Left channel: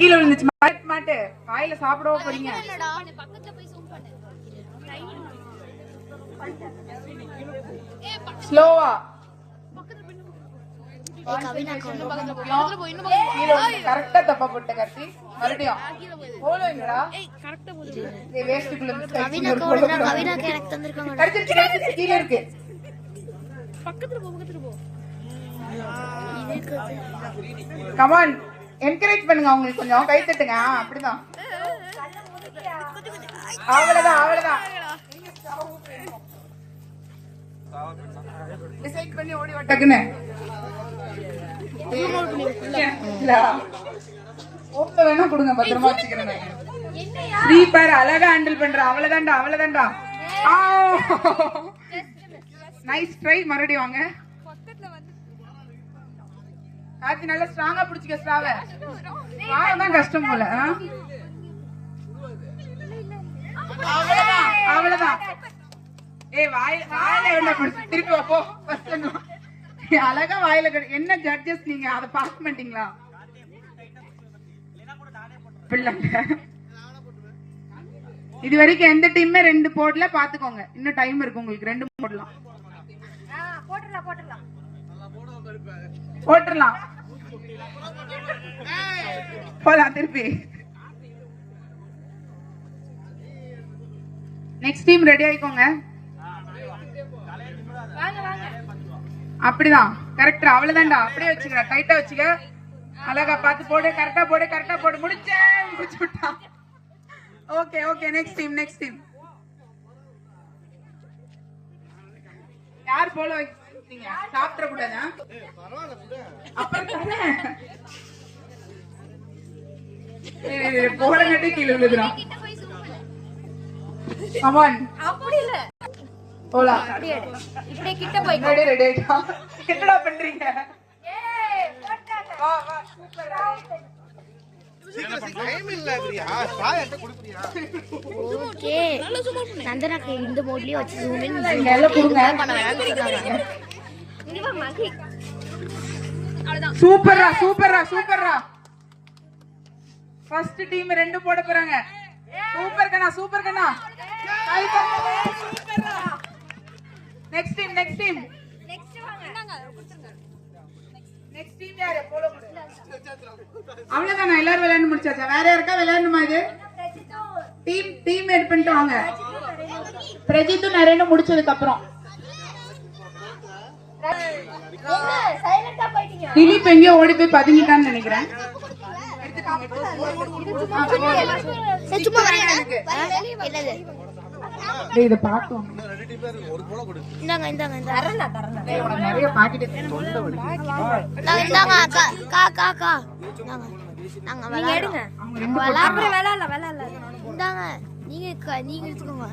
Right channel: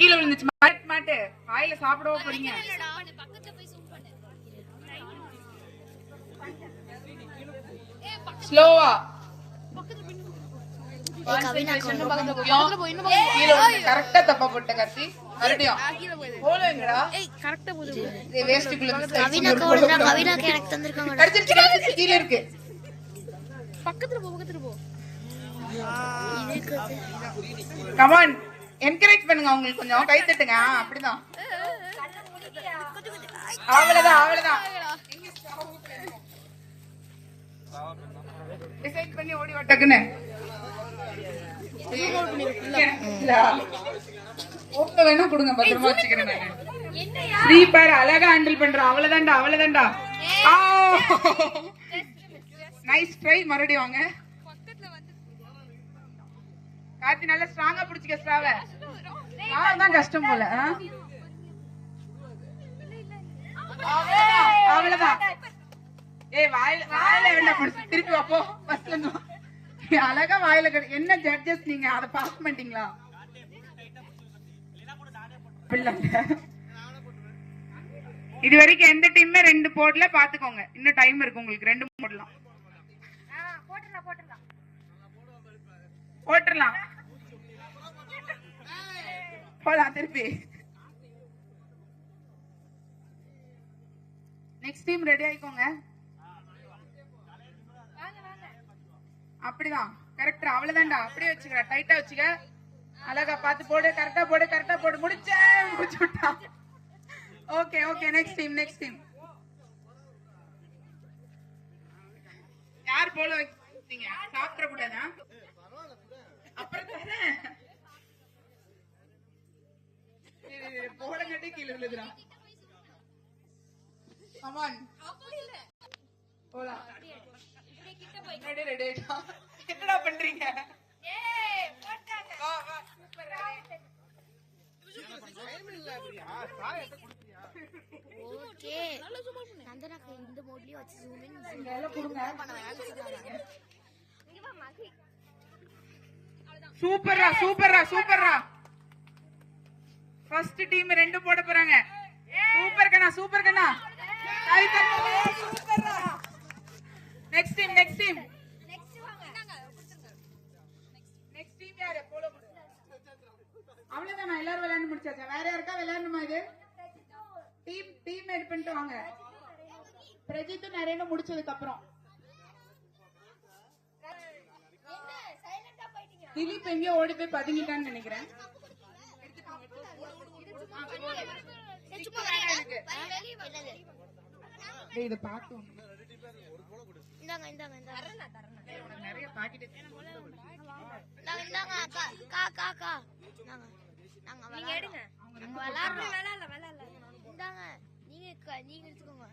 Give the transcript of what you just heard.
கீழே விழுந்துச்சு. மாட்டு வாயில சாப்பிடவோ போறீங்க. ஸ்லோவா கரெக்டா தப்பா போட்ட கார்த்தி. மறுபடியும் கீழே இருக்கு. கமான் என்கரேஜ் பண்ணுங்க, அவங்களுக்கு கொஞ்சம் கை தட்டுங்க. அப்படிதான், அவ்வளவுதான் அவ்வளவுதான். டிசைட் பண்ணி ஓடி வட்டக்குன்னு ஓக்க வேணா கொடுங்க, பத்திரமா வச்சுக்கிறேன். ஸ்ரீபார் அழகா ஹேண்டில் பண்ற. அவ்வளவுதான்டா அவ்வளவுதான்டா. Nice try. மறுபடியும் வாங்க கார்த்தி, நல்லா ஸ்ட்ராங்கா பிடிச்சிக்க. ஸ்ட்ராவ தான் கஷ்டம் போல. அவ்வளவுதான். வாயில என்ன பிடிச்சி திருப்பி வாப்போ. அழகா வாயில என்ன ஜட்ஜஸ் நீங்க அதை பார்க்க மாட்டீங்களா? இது வரைக்கும் எந்த டீமே 2 போடல. பாத்துக்கோங்க, இன்னும் டைம் இருக்கு உங்களுக்கு. 2 போடலாம். போட்டுடலாம் போலாம் திருப்பி. நெக்ஸ்ட் டீம் ரெடி ஆயிக்கோங்க. அப்படிதான் கரெக்டா. அவ்வளவுதான்டா. அப்படியே வச்சுக்க, டைட்டா வச்சுக்க. அழகா பார்த்து போடு. கரெக்டா போடு, கரெக்டா போடு. முடிச்சு விட்டான். Okay okay. Next team next team. யார் போல வச்சீங்க? சாப்பிட கூடாதா? போட கட்டி கீழே விழுதுறான். கமான். அப்படி இல்ல. போலா. இப்படி கிட்ட போய் ரெடி ரெடி ஆயிட்டா. என்னடா பண்றீங்க? ஏய் போட்டாங்க. வா வா சூப்பர். டைம் இல்லங்கறியா? சாயட்ட குடுக்குறியா? ஓகே. நந்தனாக்கு இந்த மோட்லயே வச்சு ஜூம் இன் எல்லாம் கொடுங்க. பண்ண வேண்டியதாங்க. இங்க வா மகி. அவ்வளவுதான். சூப்பரா சூப்பரா சூப்பரா. ஃபர்ஸ்ட் டீம் 2 போட போறாங்க. சூப்பர் கண்ணா சூப்பர் கண்ணா. கை தட்டுங்க. சூப்பரா. Next team next team. Next வாங்க. என்னங்க கொடுத்துங்க. நெக்ஸ்ட் டீம் யாரு? போலோ போடு. அவ்வளவுதானா? எல்லாரும் விளையாண்டு முடிச்சாச்சா? வேற யாருக்கா விளையாடணுமா? இது டீம் எட் பண்ணிட்டு வாங்க. பிரஜித்தும் நரேனும் முடிச்சதுக்கு அப்புறம் திலீப் எங்கேயோ ஓடி போய் பதுங்கிட்டான்னு நினைக்கிறேன். இத பாத்தோம். நிறைய பாக்கெட் நீங்க எடுத்துக்கோங்க.